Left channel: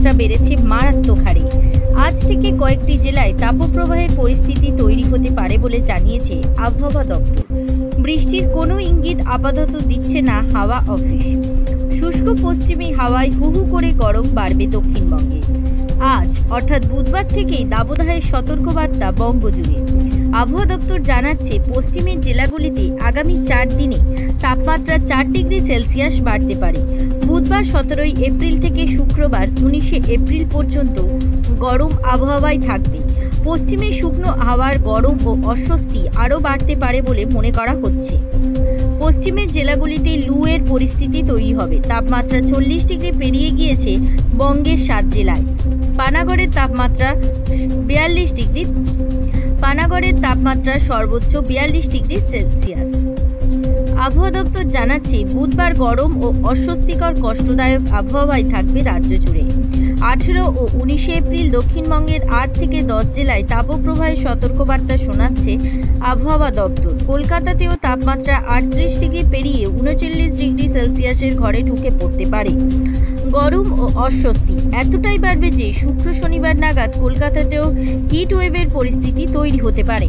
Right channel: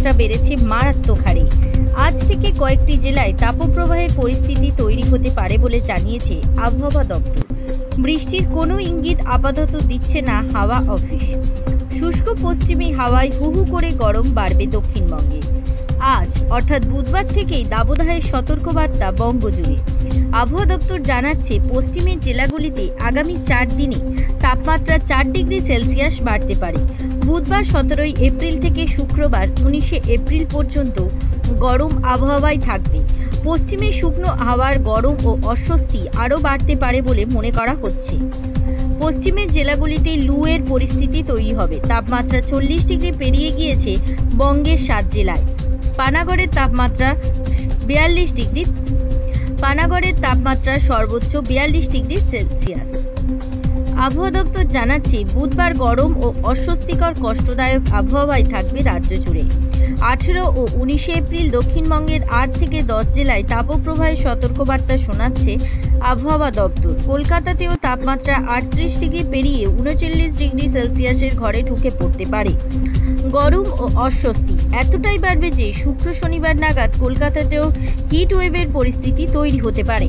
তাপমাত্রা বেড়েছে মারাত্মক হারে। আজ থেকে কয়েকটি জেলায় তাপপ্রবাহের পরিস্থিতি তৈরি হতে পারে বলে জানিয়েছে আবহাওয়া দপ্তর। বৃষ্টির কোনো ইঙ্গিত আপাতত দিচ্ছে না হাওয়া অফিস। শুষ্ক পশ্চিমী হাওয়ায় হু হু করে গরম বাড়বে দক্ষিণবঙ্গে। আজ অর্থাৎ বুধবার থেকেই দাবদাহের সতর্কবার্তা বঙ্গজুড়ে। আবহাওয়া দপ্তর জানাচ্ছে, পশ্চিমের জেলাগুলিতে আগামী 4 দিনে তাপমাত্রা 4 ডিগ্রি সেলসিয়াস বাড়তে পারে। বুধবার 17 এপ্রিল থেকে শুক্রবার 19 এপ্রিল পর্যন্ত গরম আবহাওয়ায় থাকবে। পশ্চিমে শুকনো হাওয়ার গরম ও অস্বস্তি আরও বাড়তে পারে বলে মনে করা হচ্ছে। পশ্চিমের জেলাগুলিতে লু এর পরিস্থিতি তৈরি হবে। তাপমাত্রা 40 ডিগ্রি পেরিয়ে গিয়েছে বঙ্গের 7 জেলায়। পানাগড়ের তাপমাত্রা সর্বোচ্চ 42 ডিগ্রি সেলসিয়াস। আবহাওয়া দপ্তর জানাচ্ছে, বুধবার গরম ও অস্বস্তিকর কষ্টদায়ক আবহাওয়ায় থাকবে রাজ্য জুড়ে। 18 ও 19 এপ্রিল দক্ষিণবঙ্গের 8 থেকে 10 জেলায় তাপপ্রবাহের সতর্কবার্তা শোনাচ্ছে আবহাওয়া দপ্তর। কলকাতাতেও তাপমাত্রা 38 ডিগ্রি পেরিয়ে 39 ডিগ্রি সেলসিয়াসের ঘরে ঢুকে পড়তে পারে। গরম ও অস্বস্তি এতটাই বাড়বে যে শুক্র শনিবার নাগাদ কলকাতাতেও হিট ওয়েভের পরিস্থিতি তৈরি হতে পারে।